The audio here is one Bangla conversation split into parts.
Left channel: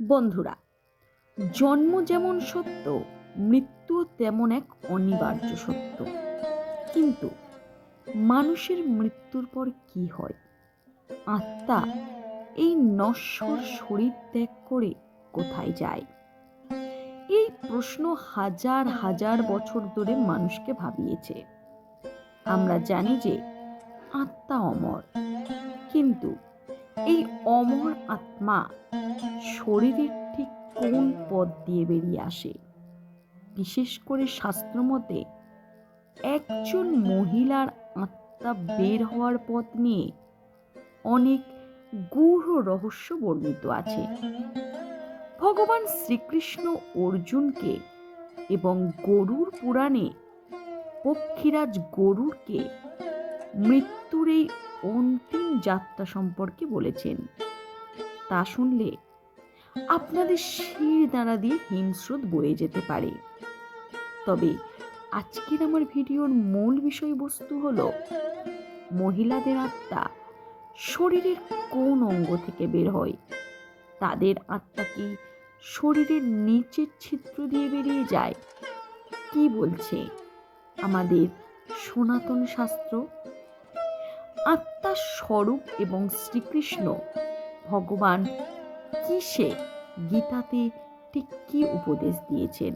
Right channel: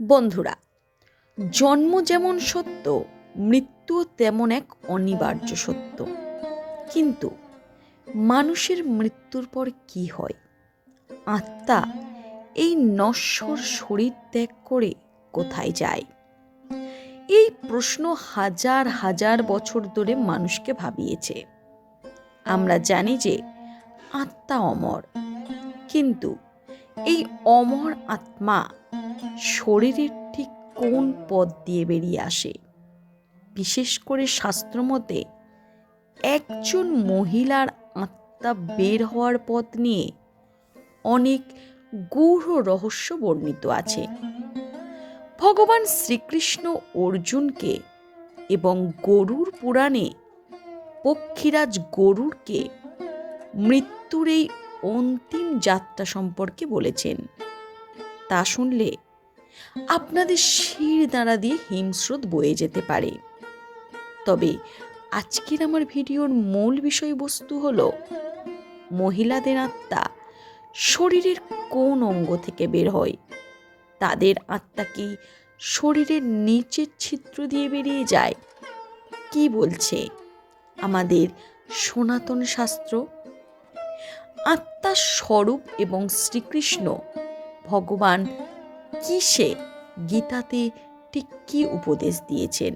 বন্ধুরা, জন্ম যেমন সত্য, মৃত্যুও তেমন এক অনিবার্য সত্য। কিন্তু মানুষের মৃত্যুর পর কি হয়? আত্মা এই নশ্বর শরীর ত্যাগ করে কোথায় যায়? এই প্রশ্ন হাজার হাজার বছর ধরে মানুষকে ভাবিয়েছে। আমরা জানি যে আত্মা অমর, কিন্তু এই অমর আত্মা শরীরের ঠিক কোন পথ দিয়ে বেরিয়ে আসে? বিশেষ করে শাস্ত্রমতে একজন মহিলার আত্মা বের হওয়ার পথ নিয়ে অনেক গূঢ় রহস্য বর্ণিত আছে। ভগবান শ্রীকৃষ্ণ অর্জুনকে এবং গরুর পুরাণে পক্ষীরাজ গরুরকে মৃত্যুর এই অন্তিম যাত্রা সম্পর্কে বলেছেন। তা শুনলে আপনাদের শির দাঁড়া দিয়ে হিমস্রোত বয়ে যেতে পারে। তবে আজকের আমার ভিডিওর মূল বিষয়বস্তু হলো মহিলাদের আত্মা শরীরের কোন অঙ্গ থেকে বের হয়, তাদের আত্মা কি শরীরের নিচের ছিদ্র দিয়ে বেরিয়ে যায়? কি বলছে আমাদের সনাতন শাস্ত্র? আত্মার স্বরূপ এবং শ্রীকৃষ্ণ ভগবান কিসে গীতাতে ঠিক কি উপদেশ দিয়েছেন?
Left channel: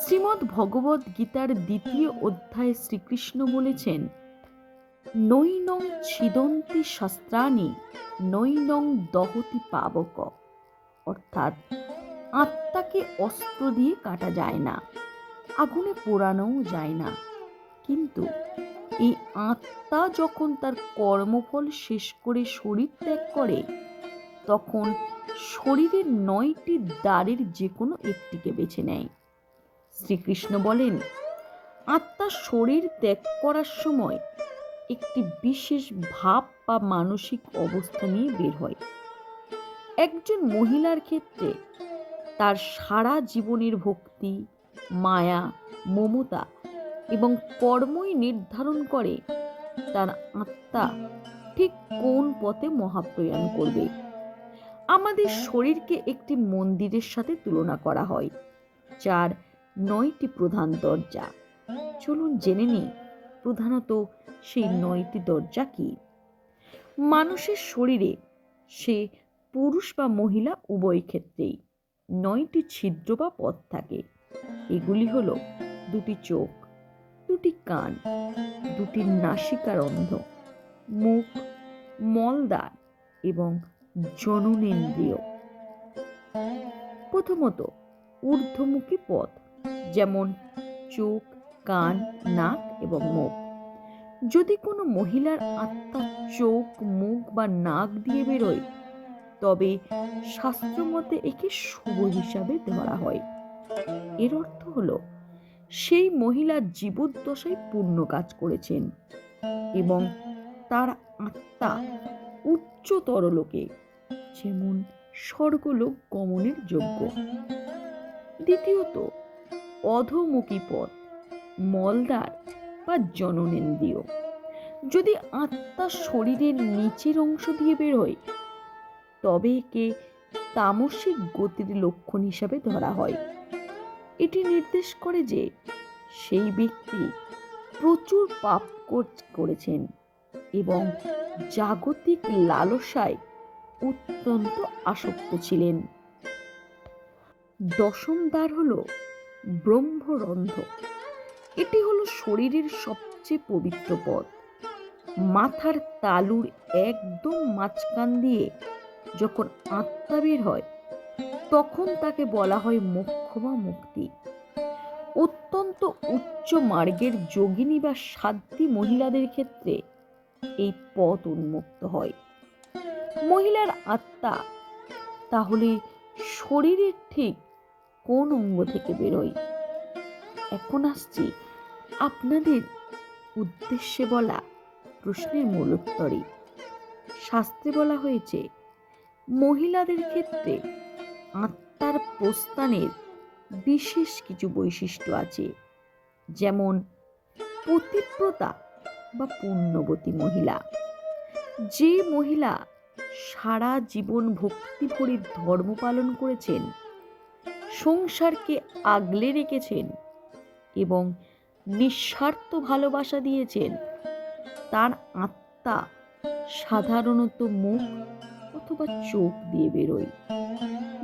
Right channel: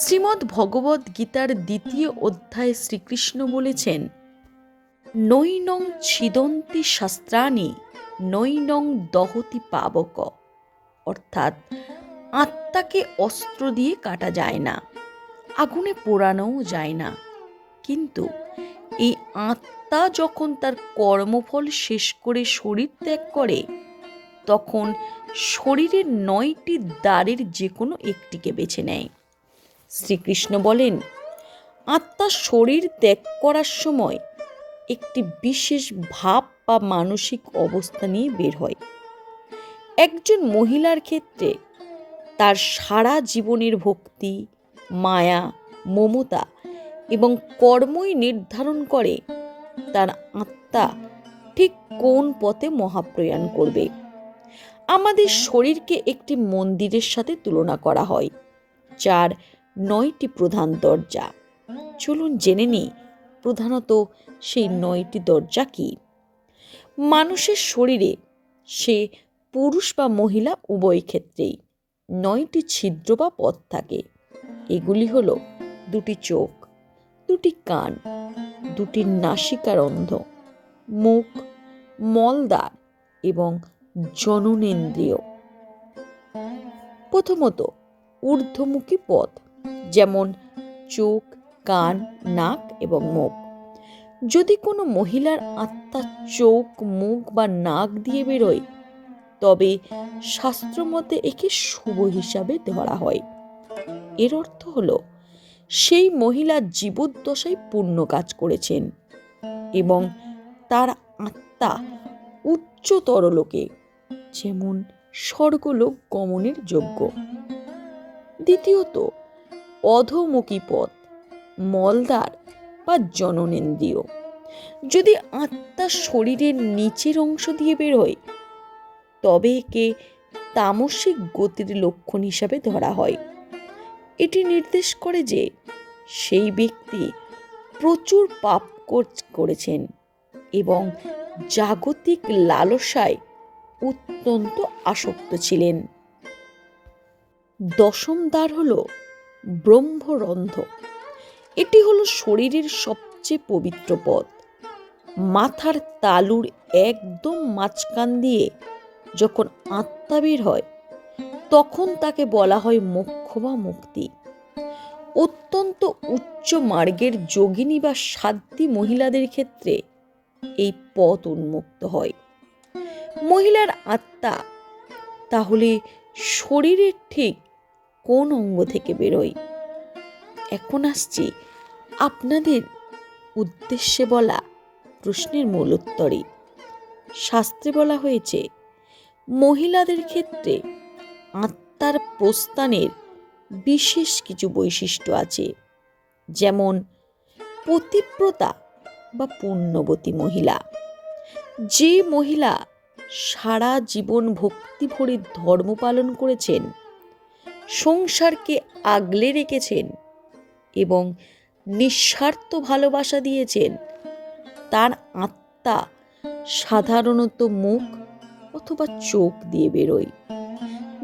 শ্রীমদ্ ভগবদ্ গীতার 2য় অধ্যায়ে শ্রীকৃষ্ণ বলেছেন, নৈনং ছিদন্তি শাস্ত্রাণি নৈনং দহতি পাবক। অর্থাৎ আত্মাকে অস্ত্র দিয়ে কাটা যায় না, আগুনে পোড়ানোও যায় না, কিন্তু এই আত্মা যখন তার কর্মফল শেষ করে শরীর ত্যাগ করে, তখন শরীরের 9টি দ্বারের যে কোনো একটিকে বেছে নেয়। শ্রীকৃষ্ণ বলেন, আত্মা শরীর ত্যাগ করার সময় একটি বিশেষ ভাব বা মানসিক অবস্থা নিয়ে বের হয়। একজন মহিলার ক্ষেত্রে তার সারা জীবনের ভক্তি, মায়া, মমতা এবং কর্মই নির্ধারণ করে তার আত্মা ঠিক কোন পথে মহাপ্রয়াণ করবে। আমাদের শরীরকে একটি মন্দিরের সাথে তুলনা করা হয়, যার 9টি প্রধান দরজা। চলুন জেনে নিই প্রধানত সেই 9টি দরজা কি। মানুষের শরীরে, সে পুরুষ বা মহিলা উভয় ক্ষেত্রেই 9টি ছিদ্র বা পথ থাকে। এগুলি হলো 2টি চোখ, 2টি কান, 2টি নাসিকারন্ধ্র, মুখ, মলদ্বার এবং জননেন্দ্রিয়। প্রথমত ঊর্ধ্বমুখী পথ, যেমন চোখ, কান, নাক এবং মুখ। যদি কোনো মহিলার আত্মা চোখ, মুখ বা নাক দিয়ে বেরোয়, তবে শাস্ত্রমতে একে শুভ হিসাবে ধরা হয়। এর অর্থ হলো সেই মহিলা জীবদ্দশায় পুণ্য কাজ করেছেন এবং তার আত্মা উচ্চতর লোকে, যেমন স্বর্গলোক গমনের যোগ্য। দ্বিতীয়ত অধোমুখী পথ, মলদ্বার বা জননেন্দ্রিয়। যদি আত্মা শরীরের নিচের অংশ দিয়ে বেরোয়, তবে একে তামসিক গতির লক্ষণ হিসাবে ধরা হয়। এটি নির্দেশ করে যে সেই ব্যক্তি প্রচুর পাপ করেছেন এবং জাগতিক লালসায় অত্যন্ত আসক্ত ছিলেন। দশম দ্বার হল ব্রহ্মরন্ধ্র। এটি হলো শরীরের সবচেয়ে পবিত্র পথ। মাথার তালুর একদম মাঝখান দিয়ে যখন আত্মা বের হয়, তখন তাকে বলা হয় মোক্ষ বা মুক্তি। অত্যন্ত উচ্চ মার্গের যোগিনী বা সাধ্বী মহিলাদের ক্ষেত্রে এই পথ উন্মুক্ত হয়। মহিলার আত্মা তাহলে শরীরের ঠিক কোন অঙ্গ থেকে বেরোয়? এখন আসছি আপনাদের উদ্দেশ্যে বলা প্রশ্নের মূল উত্তরে। শাস্ত্রে বলা হয়েছে, মহিলাদের ক্ষেত্রে আত্মার প্রস্থানের বিশেষ কিছু বৈশিষ্ট্য আছে, যেমন পতিব্রতা বা পুণ্যবতী মহিলা। যে মহিলা সারা জীবন ভক্তি ভরে ধর্ম পালন করেছেন, সংসারকে আগলে রেখেছেন এবং নিঃস্বার্থ ভালোবাসা দিয়েছেন, তার আত্মা সাধারণত মুখ অথবা চোখ দিয়ে বেরোয়।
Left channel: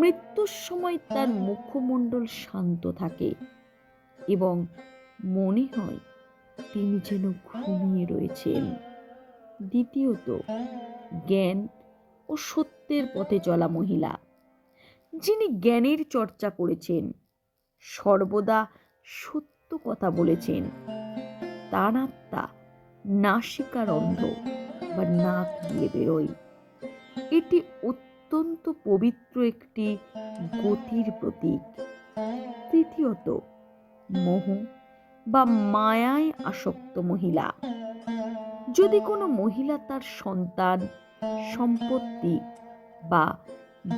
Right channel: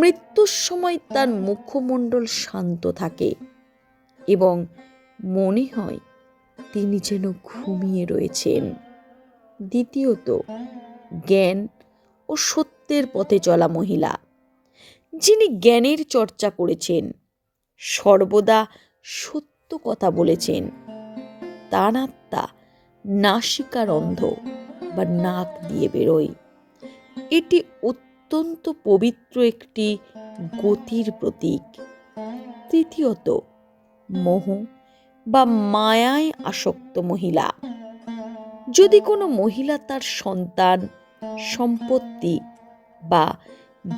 মৃত্যুর সময় তার মুখমণ্ডল শান্ত থাকে এবং মনে হয় তিনি যেন ঘুমিয়ে রয়েছেন। দ্বিতীয়ত, জ্ঞান ও সত্যের পথে চলা মহিলা, যিনি জ্ঞানের চর্চা করেছেন, সর্বদা সত্য কথা বলেছেন, তার আত্মা নাসিকারন্ধ্র বা নাক দিয়ে বেরোয়। এটি অত্যন্ত পবিত্র একটি গতির প্রতীক। তৃতীয়ত, মোহ বা মায়ায় আসক্ত মহিলা, যদি কোনো মহিলা তার সন্তান, সম্পত্তি বা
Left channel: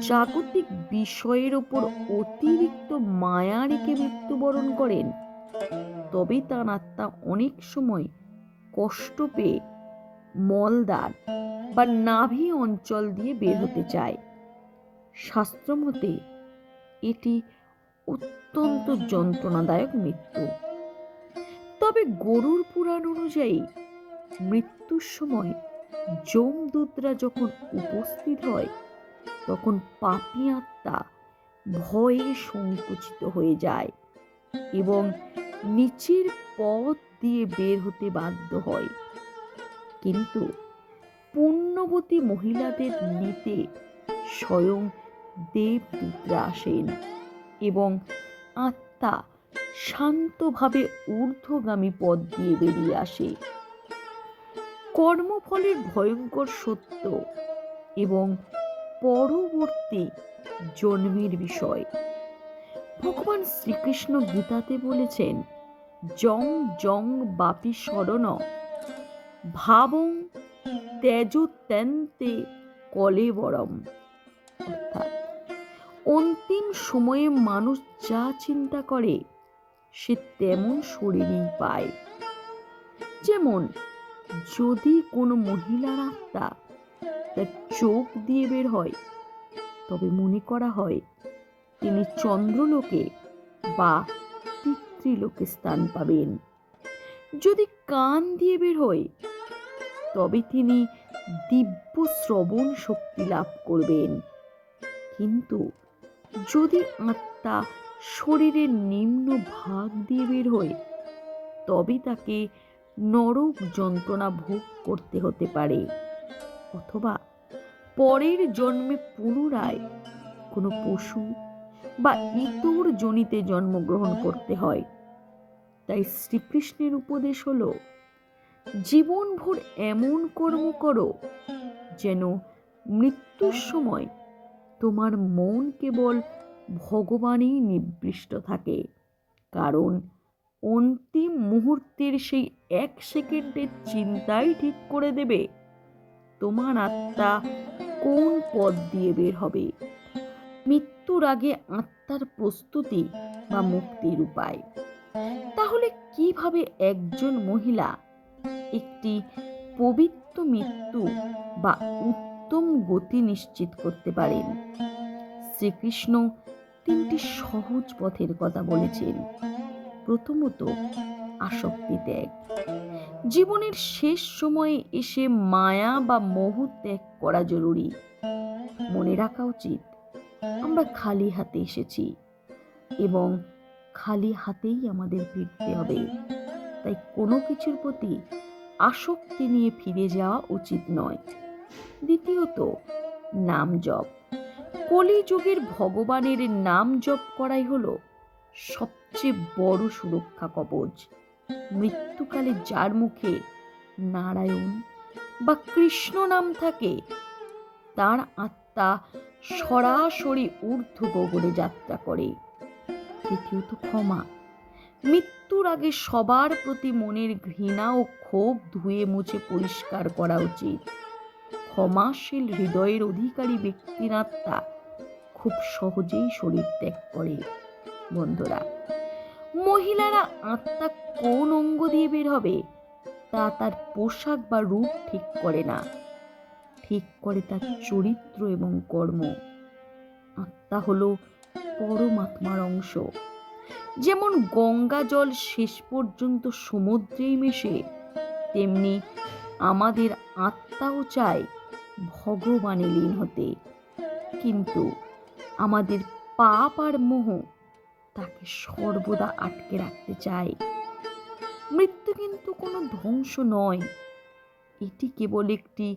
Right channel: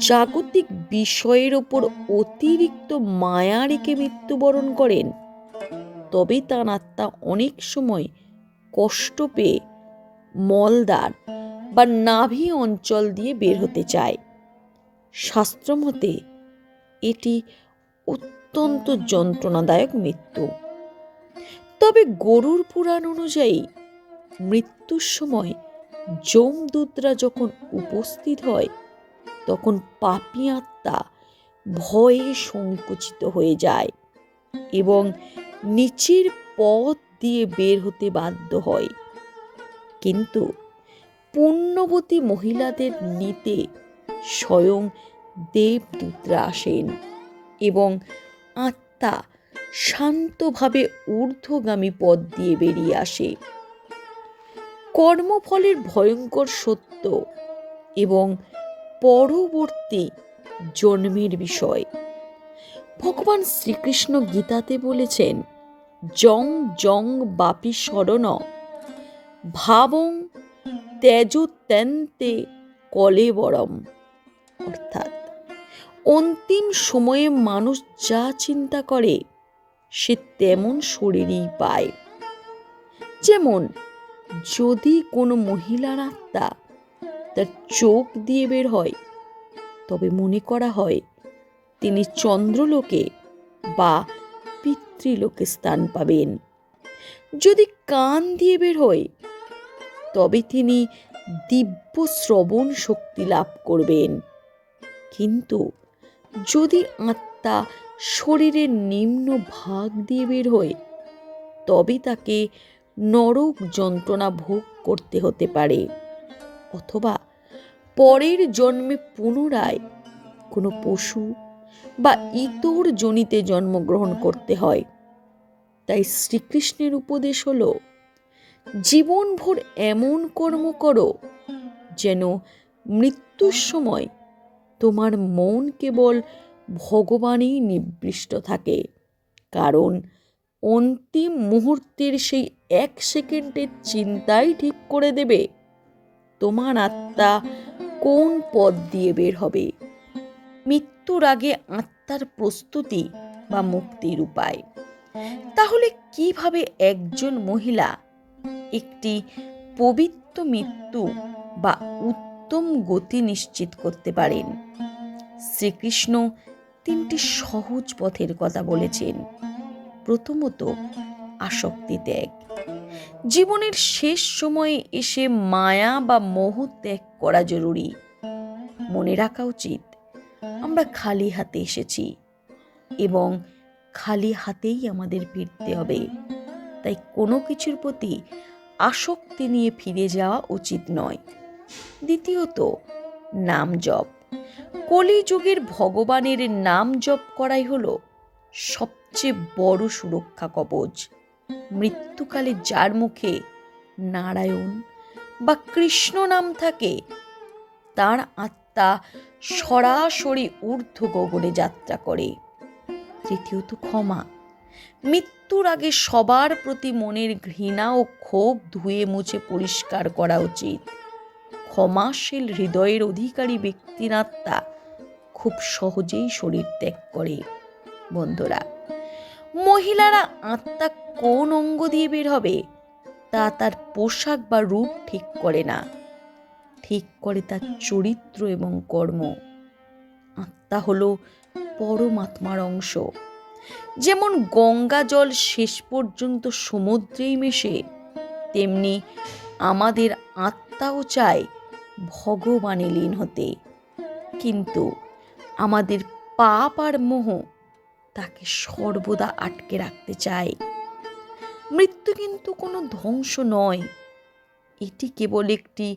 জাগতিক বিষয়ের ওপর অতিরিক্ত মায়া রেখে মৃত্যুবরণ করেন, তবে তার আত্মা অনেক সময় কষ্ট পেয়ে মলদ্বার বা নাভি অঞ্চল দিয়ে বের হতে চায়। শাস্ত্রমতে এটি অত্যন্ত যন্ত্রণাদায়ক মৃত্যু। তবে গরুড় পুরাণ অনুযায়ী মৃত্যুর সময় যমদূতরা যখন উপস্থিত হয়, তখন পাপী আত্মা ভয়ে সংকুচিত হয়ে যায় এবং নিচের পথ দিয়ে বের হতে বাধ্য হয়। কিন্তু পুণ্যবতী মহিলাদের নিতে স্বয়ং দেবদূতরা আসেন এবং আত্মা শান্তভাবে ঊর্ধ্বগামী পথ দিয়ে বেরিয়ে আসে। কর্মফলের ভয়ঙ্কর সত্য এবং পরবর্তী জন্মের বিষয় ভগবান শ্রীকৃষ্ণ গীতাতে বলেছেন, জং জং বাপি শরণ ভাবং ত্যজত্যন্তে কলেবরম। অর্থাৎ অন্তিম সময়ে মানুষ যা চিন্তা করে সে তেমন শরীরই পায়। যেমন যদি কোনো মহিলার আত্মা তার চোখ দিয়ে বের হয়, তবে মনে করা হয় তিনি চন্দ্রলোকে বা পিতৃলোকে স্থান পাবেন। যদি কান দিয়ে বের হয়, তবে তিনি দিব্য শ্রবণ শক্তি লাভ করবেন। কিন্তু যদি আত্মা শরীরের নিম্ন ভাগ দিয়ে বের হয়, তবে তাকে নরক যন্ত্রণা ভোগ করতে হতে পারে, অথবা পরের জন্মে পুনরায় কোনো পশু বা ইতর যোনিতে জন্মগ্রহণ করতে হয়। তাই শ্রীকৃষ্ণের উপদেশ হলো, জীবনভর এমন কর্ম করো যেন মৃত্যুর সময় তোমার মন কেবল ভগবানেই নিবিষ্ট থাকে, কারণ অন্তিম মুহূর্তের সেই 1 সেকেন্ডের চিন্তাই ঠিক করে দেবে তোমার আত্মা কোন পথ দিয়ে বের হবে। মৃত্যুর আগে আত্মার প্রস্তুতি বা মুক্তির উপায়। তাহলে কিভাবে একজন মহিলা একটি পবিত্র মৃত্যু বা উত্তম গতি নিশ্চিত করতে পারেন? শ্রীকৃষ্ণ 3টি সহজ পথের কথা বলেছেন। প্রথমত, আসক্তি ত্যাগ। জীবনের শেষ সময়ে এসে মায়া বা মোহ ত্যাগ করা জরুরি। মনে রাখা উচিত, আমরা খালি হাতে এসেছি এবং খালি হাতেই আমাদের ফিরতে হবে। তাই কোনো কিছুর প্রতি আসক্তি নিয়ে ফিরে যাওয়া উচিত নয়। দ্বিতীয়ত, নাম জপ। কলিযুগের ভগবানের নাম জপ করাই হলো সবচেয়ে বড় সুরক্ষা কবচ। মৃত্যুকালে যার মুখে নারায়ণ বা কৃষ্ণ নাম থাকে, তার আত্মা সরাসরি ঊর্ধ্ব গগনে যাত্রা করে। তৃতীয়ত, ক্ষমা। মৃত্যুর আগে সবার প্রতি মনের ঘৃণা ও ক্ষোভ ধুয়ে মুছে পরিষ্কার করা উচিত। ক্ষমাশীল হৃদয়ের অধিকারী ব্যক্তির আত্মা খুব সহজেই শরীর ত্যাগ করে। বন্ধুরা, মহিলারা আত্মা কোন অঙ্গ দিয়ে বের হবে তা তার পোশাক বা রূপ ঠিক করে না। ঠিক করে তার চরিত্র এবং কর্ম। আত্মা হলো পরমাত্মার অংশ। যেমন গঙ্গা জল শেষ পর্যন্ত সমুদ্রেই মেশে, তেমনি আমাদের আত্মাও চায় ভগবানে লীন হতে, কিন্তু আমাদের পাপ আর মোহ তাকে সর্বদা আটকে রাখতে চায়। মৃত্যু কিন্তু কোনো ধ্বংস নয়, এটি কেবল একটি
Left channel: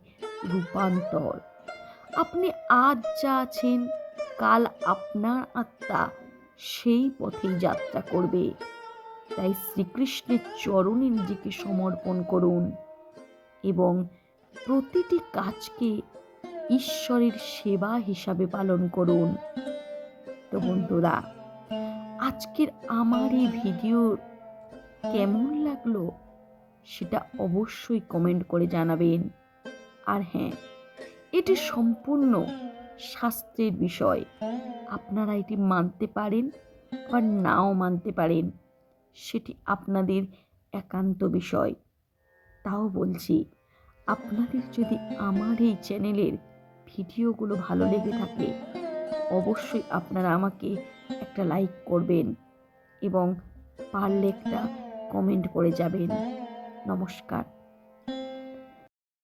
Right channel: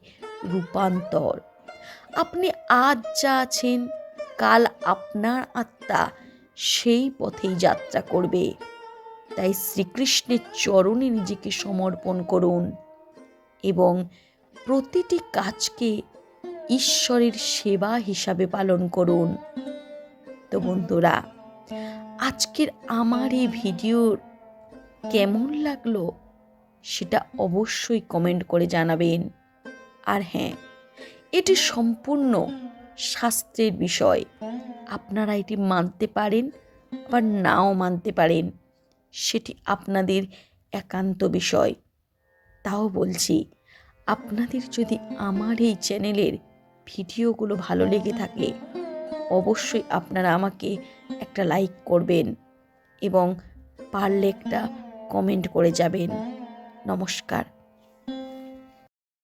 রূপান্তর। আপনি আজ যা আছেন, কাল আপনার আত্মা সেই পথেই যাত্রা করবে। তাই শ্রীকৃষ্ণের চরণে নিজেকে সমর্পণ করুন এবং প্রতিটি কাজকে ঈশ্বরের সেবা হিসাবে পালন করুন। তো বন্ধুরা, আজকের আমার এই ভিডিও কেমন লাগলো সেটা অবশ্যই কমেন্ট করে জানাবেন। আর হ্যাঁ, এটি সম্পূর্ণ শাস্ত্রের বিষয়। আপনারা এটি মানতে পারেন বা নাও মানতে পারেন, সেটি আপনাদের একান্ত বিষয়। তাও বলছি, আপনাদের যদি আমার এই চ্যানেলের ভিডিওগুলো ভালো লেগে থাকে, অবশ্যই আপনারা আমাকে একটা লাইক করবেন এবং পারলে একটা কমেন্ট করে যাবেন। নমস্কার।